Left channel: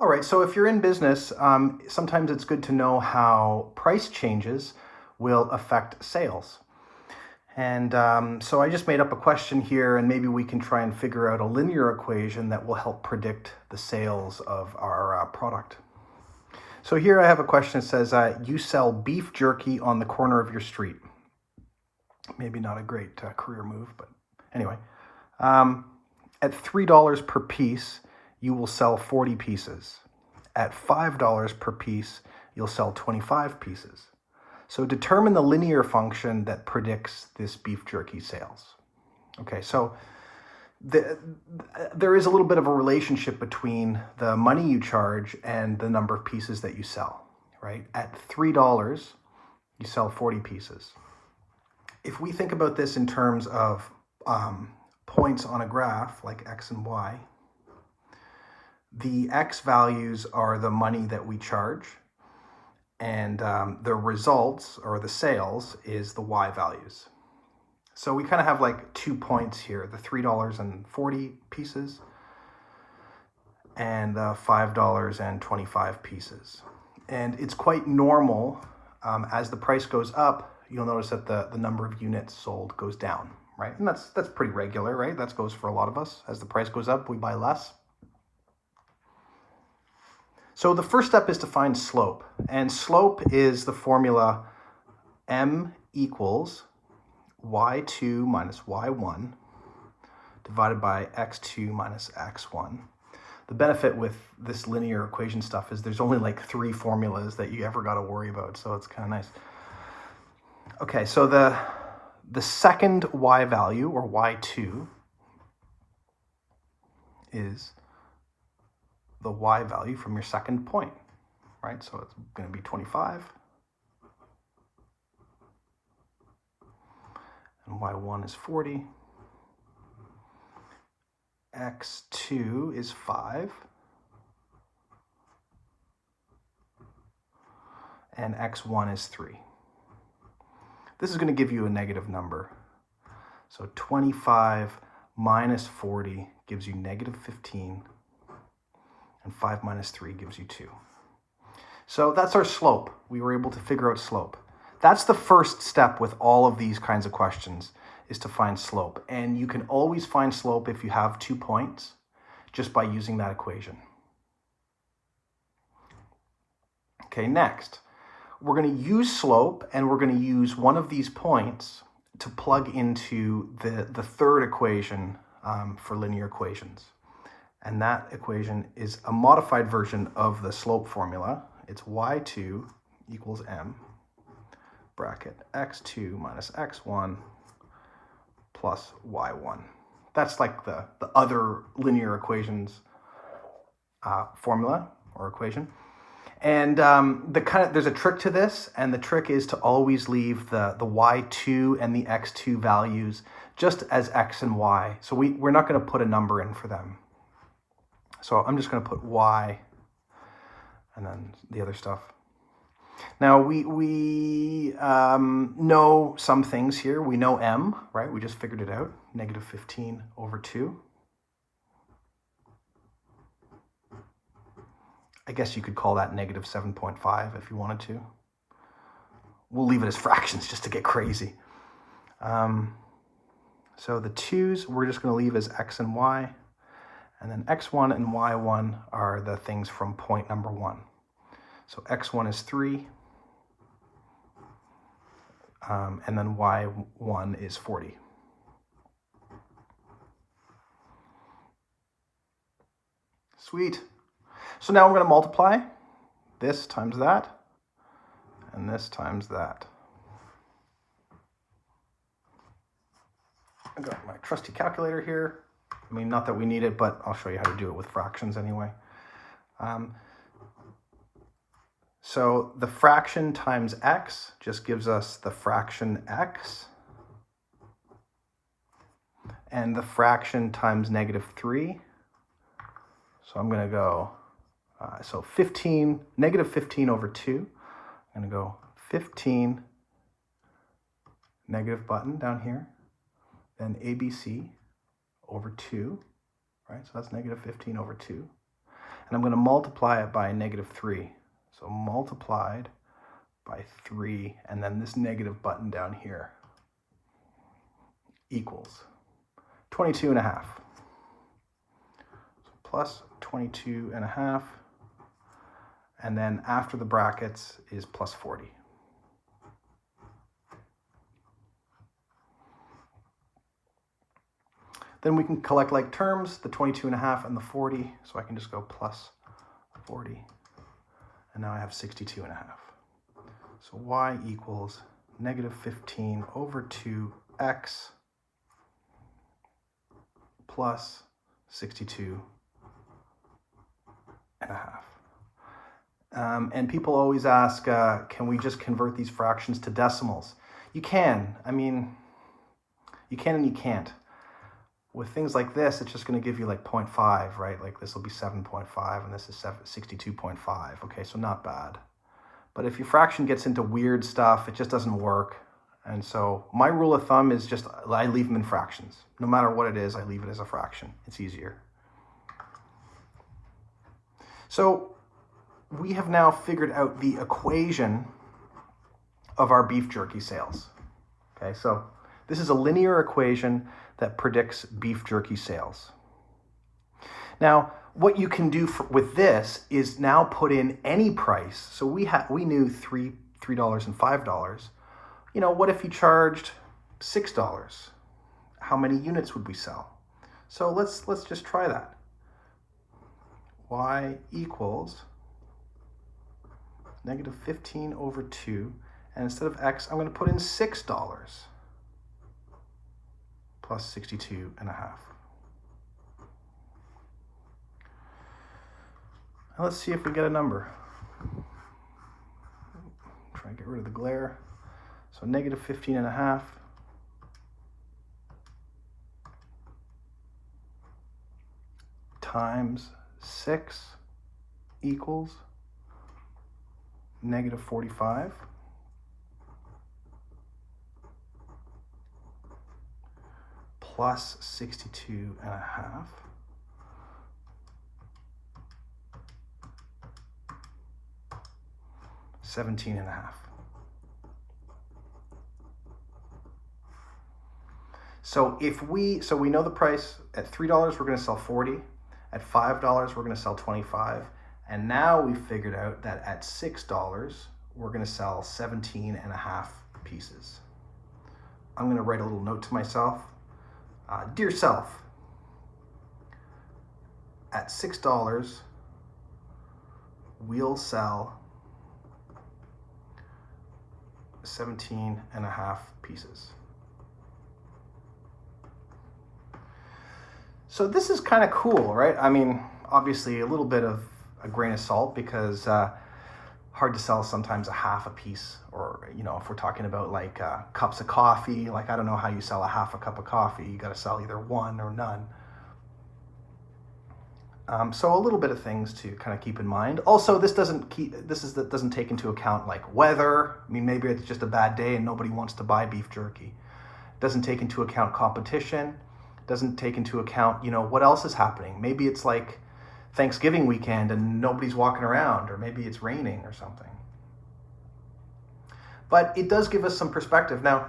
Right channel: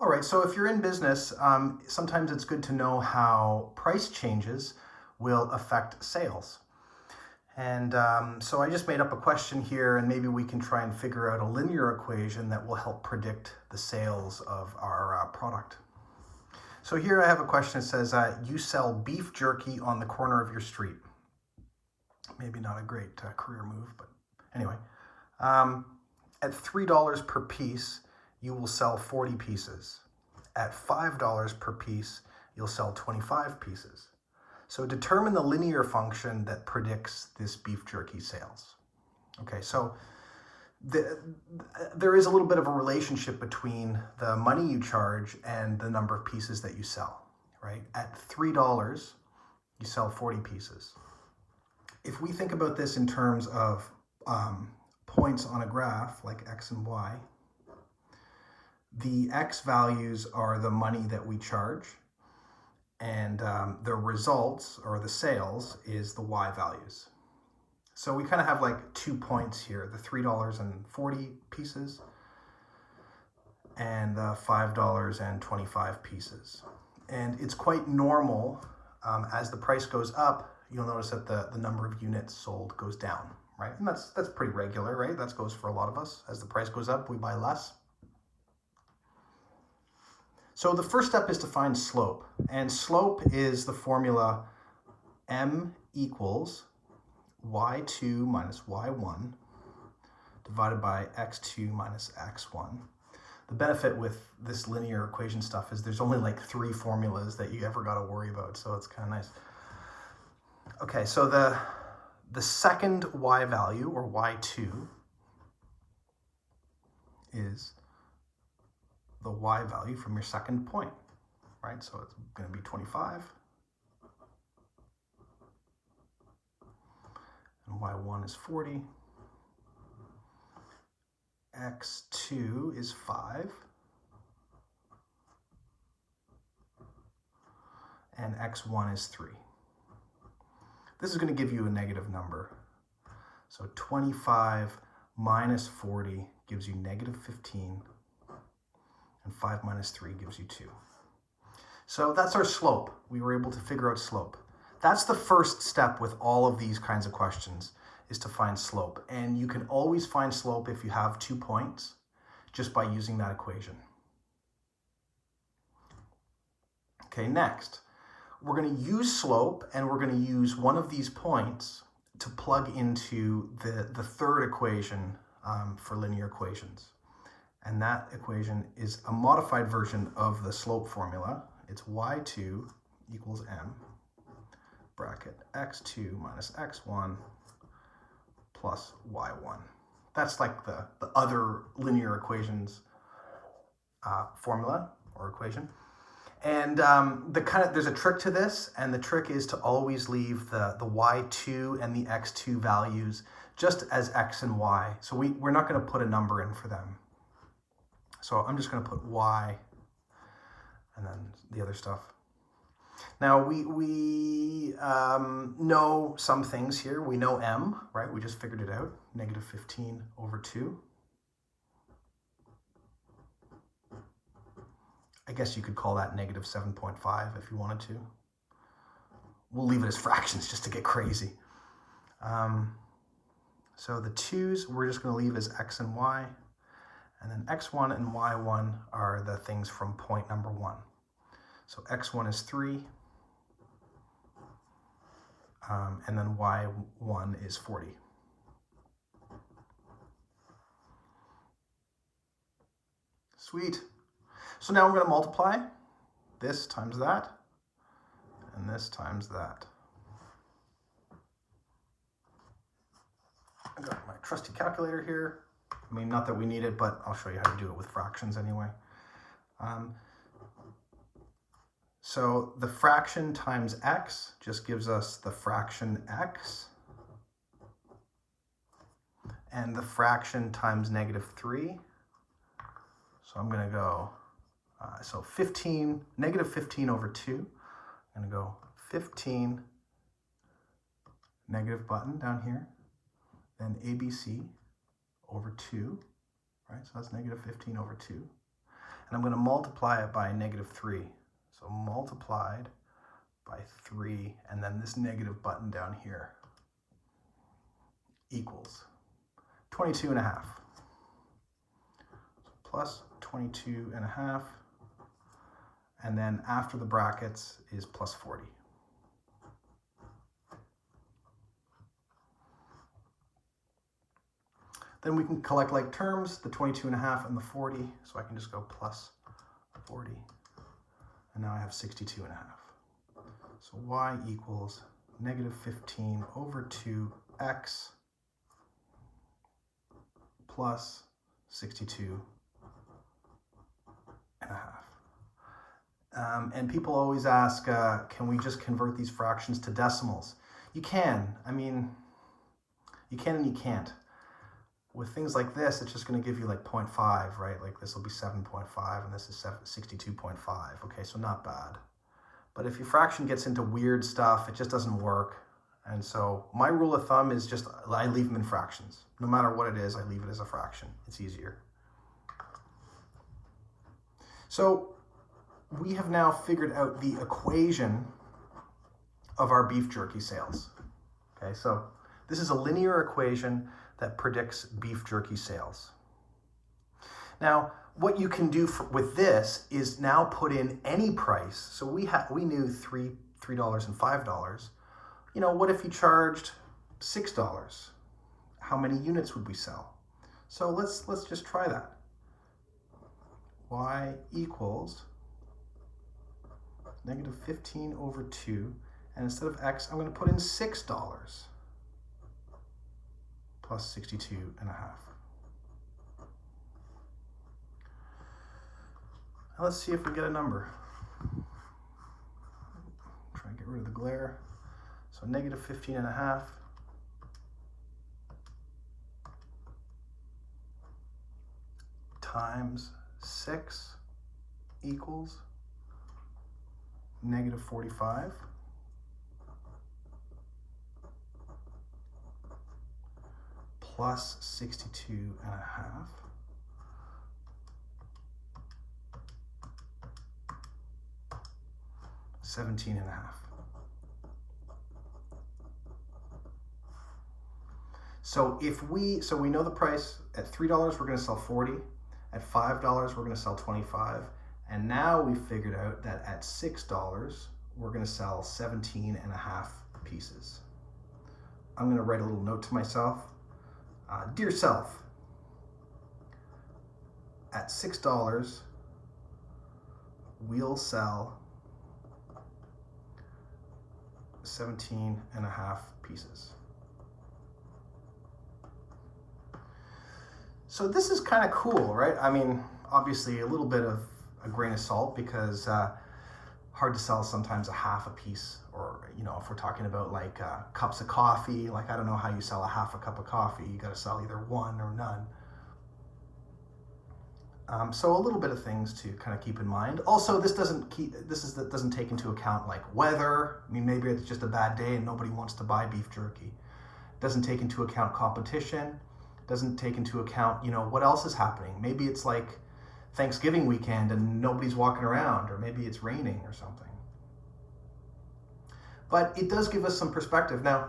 All right, so if you're in business, sometimes it's good to know how price changes will affect sales. And so I just made up a question here, and maybe we can try and figure out a linear equation that will help predict the sales of our product. So here I have a question that says, you sell beef jerky on the corner of your street. Maybe not a great career move, but anyway. At $3 per piece, you will sell 40 pieces. At $5 per piece, you'll sell 25 pieces. So determine the linear function that predicts this beef jerky sales. Okay, so there is a little bit of a relationship between the money you charge and the number of pieces that you sell, right? At $3, you sell 40 pieces. If we think about this in terms of points on a graph like X and Y, the X values are the money that we charge, and the results or the sales is the Y values. So we kind of have like 2 points here, the $3.40 pieces and the $5.25 pieces. And it's quite normal, as the price goes up, you'll notice that the number of units sold goes down, right? And that's pretty regular, right? That goes for a lot of us. As the price goes up, we buy less. So the first step is to find slope, and slope is the formula m equals y2 minus y1 divided by x2 minus x1. The benefit with this linear equation stuff is there's only like 3 formulas that you ever got to worry about, so it's kind of nice. Okay, so the second y value, or y2, is the y value from your second point, right? So it's going to be 25. And y1 is 40. x2 is 5. And x1 is 3. This is going to give you a negative number. So 25 minus 40 gives you negative 15. And 5 minus 3 gives you 2. So that's our slope. We were able to figure out slope. That's the first step with all of these kinds of questions, is to find slope. And you can always find slope if you have 2 points just by using that equation. Okay, next, we're going to use slope, and we're going to use one of these points to plug into the third equation for linear equations. And that equation is a modified version of the slope formula. It's y2 equals m, bracket x2 minus x1 plus y1. That's like the other linear equations formula or equation. And there's a trick to this, and the trick is to always leave the y2 and the x2 values just as x and y. So we're not going to put a number in for them. So I'm just going to put y and then the other stuff. Now we know some things here. We know m, right? We just figured it out, negative 15 over 2. I guess you could call that negative 7.5 if you wanted to. We'll leave it as fractions just to get crazy. So the 2's we're just going to leave as x and y. And then x1 and y1 are the things from point number 1. So x1 is 3, and then y1 is 40. Sweet. So now we're going to multiply this times that, and this times that. I got my trusty calculator here. I mean, not that we need it, but I'll show you how to do it with fractions anyway. So the fraction times x just gives us the fraction x. And the fraction times negative 3. So I'm going to go, so 15, negative 15 over 2. I'm going to go 15, negative button down here, then ABC over 2, right? So that's negative 15 over 2. and I'm going to multiply it by -3. So multiplied by 3, and then this negative button down here equals 22.5. So plus 22.5, and then after the brackets is plus 40. Then we can collect like terms, the 22.5 and the 40, so I can just go plus 40, and now I have 62.5. So y equals -15 over 2x plus 62.5. And people always ask, can we just convert these fractions to decimals? You can. I mean, you can and you can't. With things like this, it's just going to give you like 0.5, right? Like this will be 7.5 and this is 62.5. Okay, so not bad. But if your fraction gets into weird stuff, it just doesn't work. And so my rule of thumb is just I leave them in fractions. No matter what it is, I leave it as a fraction. It's easier. So we have now figured out the equation of our beef jerky sales. Okay, so this is a linear equation that predicts beef jerky sales. Now, what you can do with this is now put in any price. So we knew $3 and $5. You know, what if you charged $6? How many units would we sell? So let's just try that. Y equals -15 over 2, and instead of x, I'm going to put in $6 plus 62.5. Now let's see if we get a number. Try and get rid of the glare. So -15.5 times 6 equals -45. Plus 62.5. $17.5. So we know the price at $3 we're going to sell 40, at $5 we're going to sell 25, and now we figured out that at $6 we're going to sell 17.5 pieces. I'm going to write a little note to myself. Dear self, at $6 we'll sell 17.5 pieces. So this is kind of cool, right? I mean, obviously a little bit of a grain of salt because hard to sell sometimes a half a piece, or, you know, if we're talking about like cups of coffee, like I don't know how you sell a half a cup of coffee. You got to sell either one or none. So a little bit of things to kind of keep in mind. Also, this doesn't take into account like weather. I mean, maybe it's just a bad day and nobody wants to buy beef jerky. It doesn't take into account competition. It doesn't take into account, you know, what else is happening. Maybe it's like Thanksgiving weekend and nobody's walking around, or maybe it's raining or something. But it does give us some perspective. Now,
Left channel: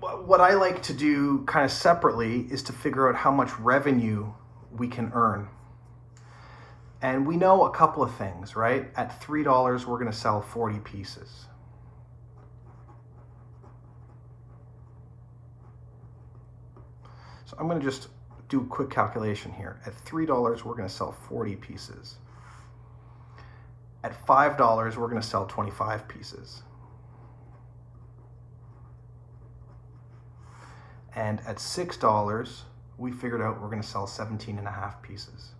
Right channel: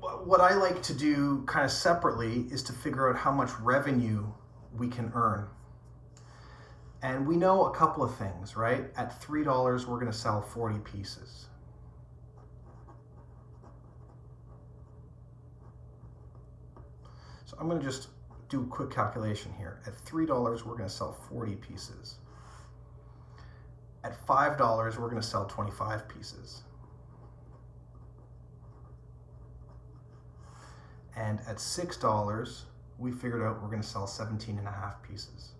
what I like to do kind of separately is to figure out how much revenue we can earn. And we know a couple of things, right? At $3, we're going to sell 40 pieces. So I'm going to just do a quick calculation here. At $3, we're going to sell 40 pieces. At $5, we're going to sell 25 pieces. And at $6, we figured out we're going to sell 17.5 pieces.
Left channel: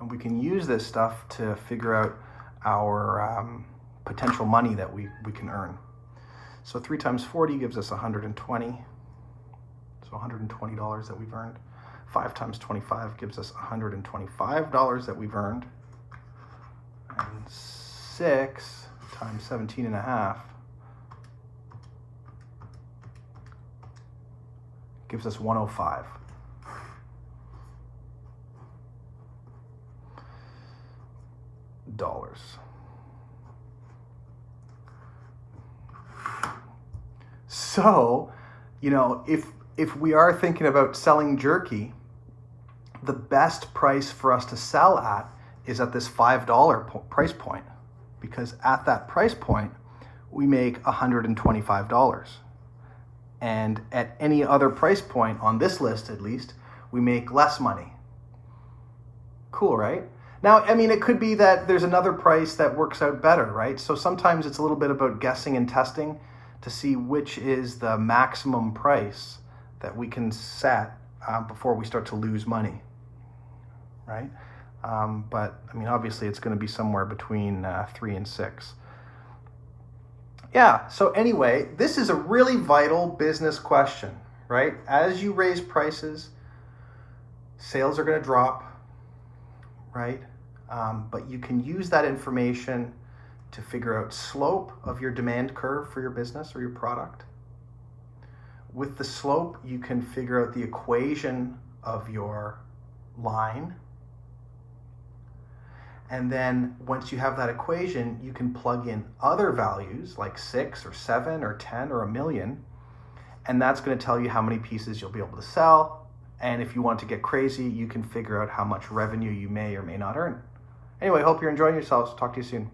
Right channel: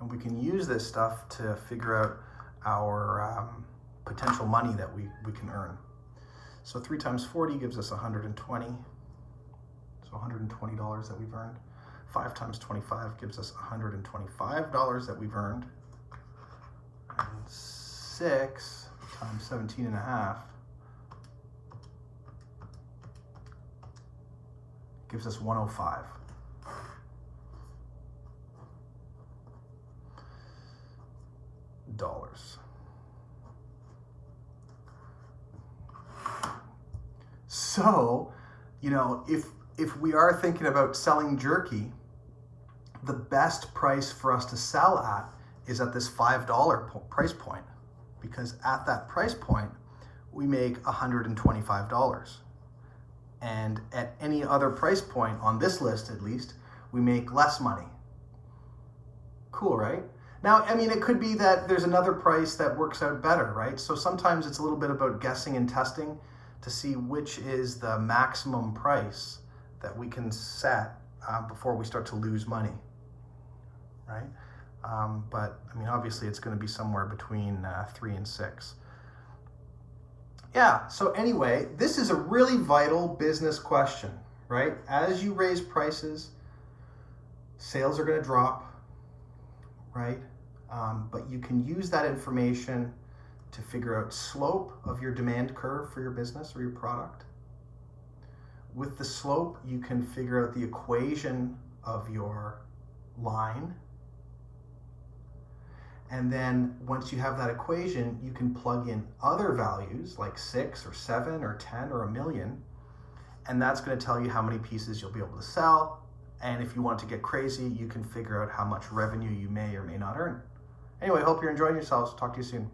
And we can use this stuff to figure out our potential money that we can earn. So 3 times 40 gives us 120. So $120 that we've earned. 5 times 25 gives us $125 that we've earned. And 6 times 17.5 gives us 105. Dollars. So, you know, if we are thinking about selling jerky, the best price for us to sell at is at this $5 price point, because at that price point, we make $125. And at any other price point on this list, at least, we make less money. Cool, right? Now, I mean, it could be that there's another price that works out better, right? So sometimes it's a little bit about guessing and testing to see which is the maximum price that we can set before we start to lose money, right? But I mean, obviously it's going to be somewhere between 3 and 6. Yeah, so anyway, this is a really vital business question, right? As you raise prices, sales are going to drop, right? But you can use that information to figure out slope of your demand curve for your business or your product. With the slope, you can figure out the equation of your line. And then once you have that equation, you can plug in other values like 6 or 7 or 10 or 1,000,000. And that's going to tell you how many pieces you'll be able to sell. And if you want to get crazy, you can figure out how much revenue you may or may not earn. Anyway, hope you're enjoying yourselves. Talk to you soon.